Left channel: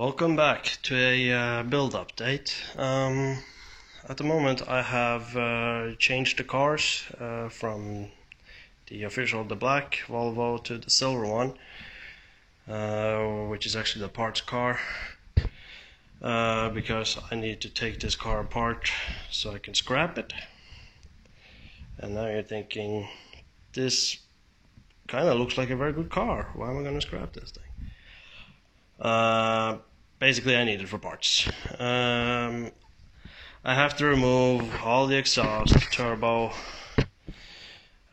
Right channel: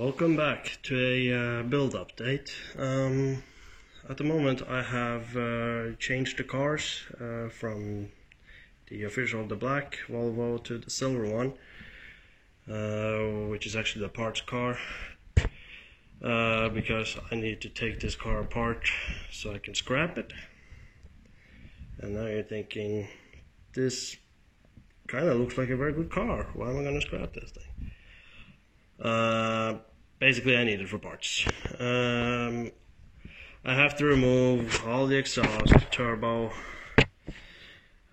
Welcome back to a build update. At the moment I have changed the cars from the black Volvo to the silver one, which is actually the parts car, because I need to take this car apart so I can scrap it. And now you're thinking, this kind of looks like a very good car, why am I going to scrap this thing? Basically I need it for parts. I have to remove all the exhaust, turbo.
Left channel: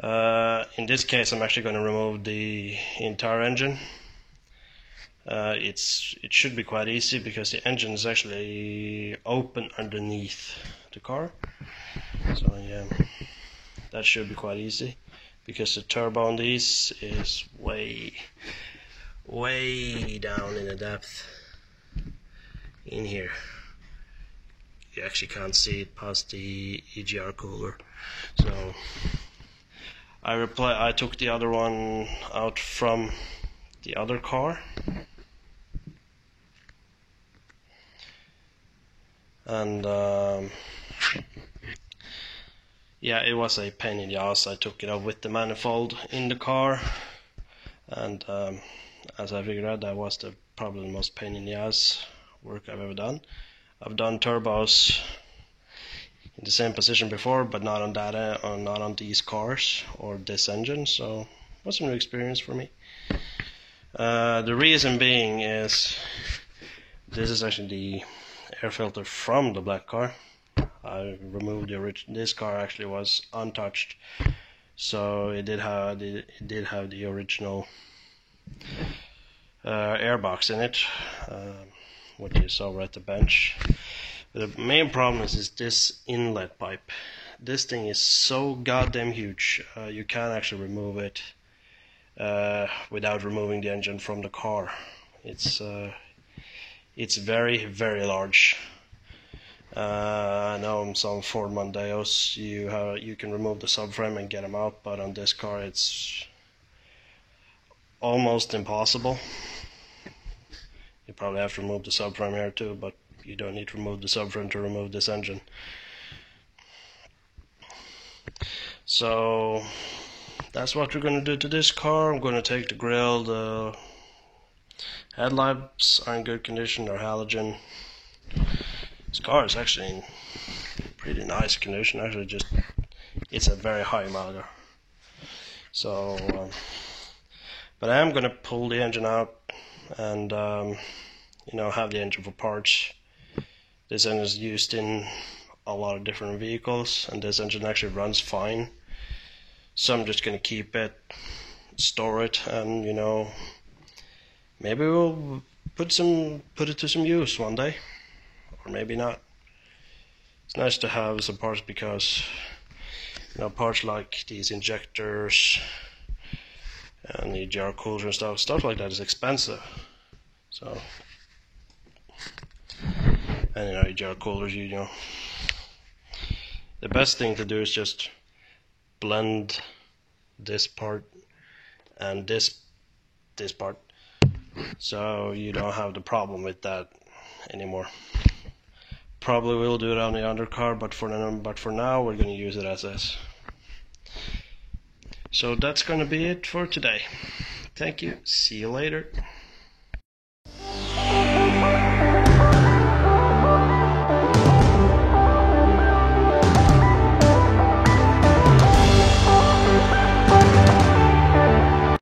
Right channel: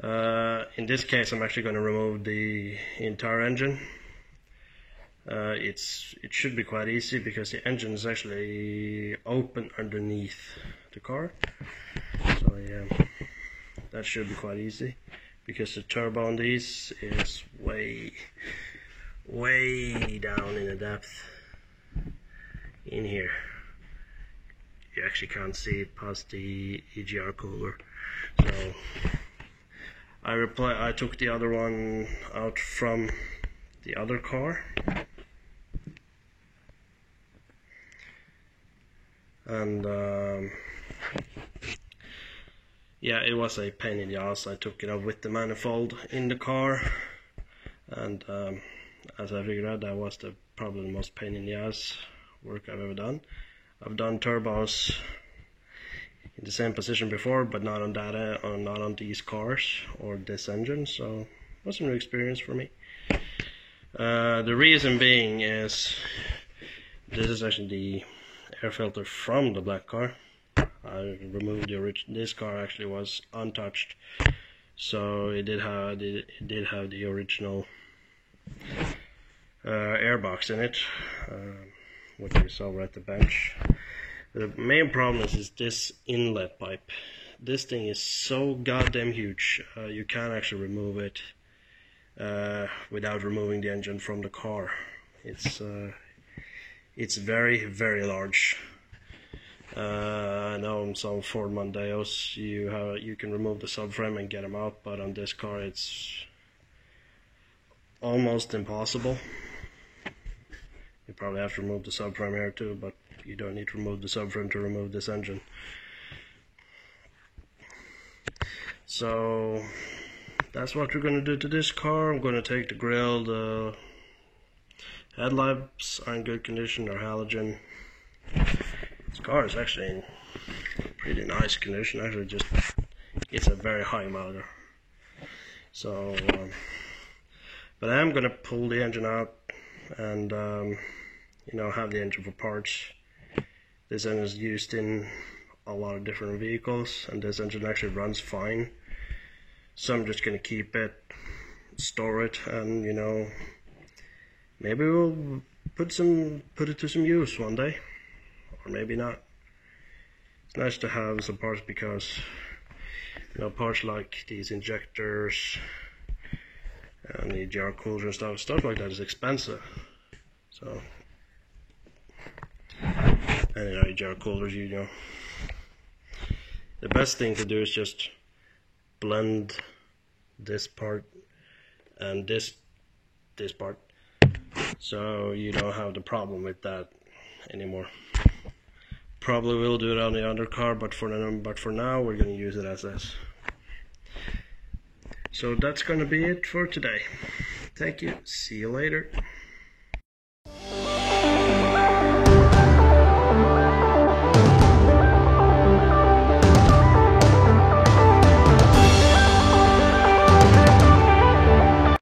In this case I'm actually going to remove the entire engine. It should be quite easy because the engine is actually open underneath the car. So yeah, that should be quite easy because the turbo on these is way down in the depth in here. You actually can't see it past the EGR cooler. So I took the other one out from the other car, and yeah, it was a pain in the ass. I took it out with the manifold in the car, and as I figured out, that was probably the most pain in the ass work I've ever done. I've done turbos in the same position before, but not on that, not on these cars or this engine, so it was a new experience for me. The reason being is this is actually the air filter from the black car. I removed this car actually was untouched, so it did have the original air box in it, what you saw right at the bench. But the main problem is this inlet pipe. This thing is so goddamn huge, you can't actually remove it without removing the engine from the car. It's very large. I know on some Ford Mondeos you can remove the subframe and get them out, but on this car it's almost impossible. You probably have to remove the subframe here too, but you don't need to remove the subframe to remove this engine. So that's what we're going to do to this car. I'm going to take the grill. The headlights are in good condition, they're halogen. This car is actually in pretty nice condition. Actually, it's a very high miler. So but I am going to pull the engine out and have the engine for parts. This engine is used in a lot of different vehicles, and this engine actually runs fine. So I'm just going to keep it, store it, and maybe we'll put it to some use one day, or maybe not. It's nice to have some parts because parts like these injectors and the EGR coolers and stuff like that is expensive. So, and EGR coolers, the best thing to do is just blend this part and this part, so you don't have the problem with that anymore. Probably will do it on the undercar, but for now we're going to use it as is. So that's going to be it for today. Thank you. See you later.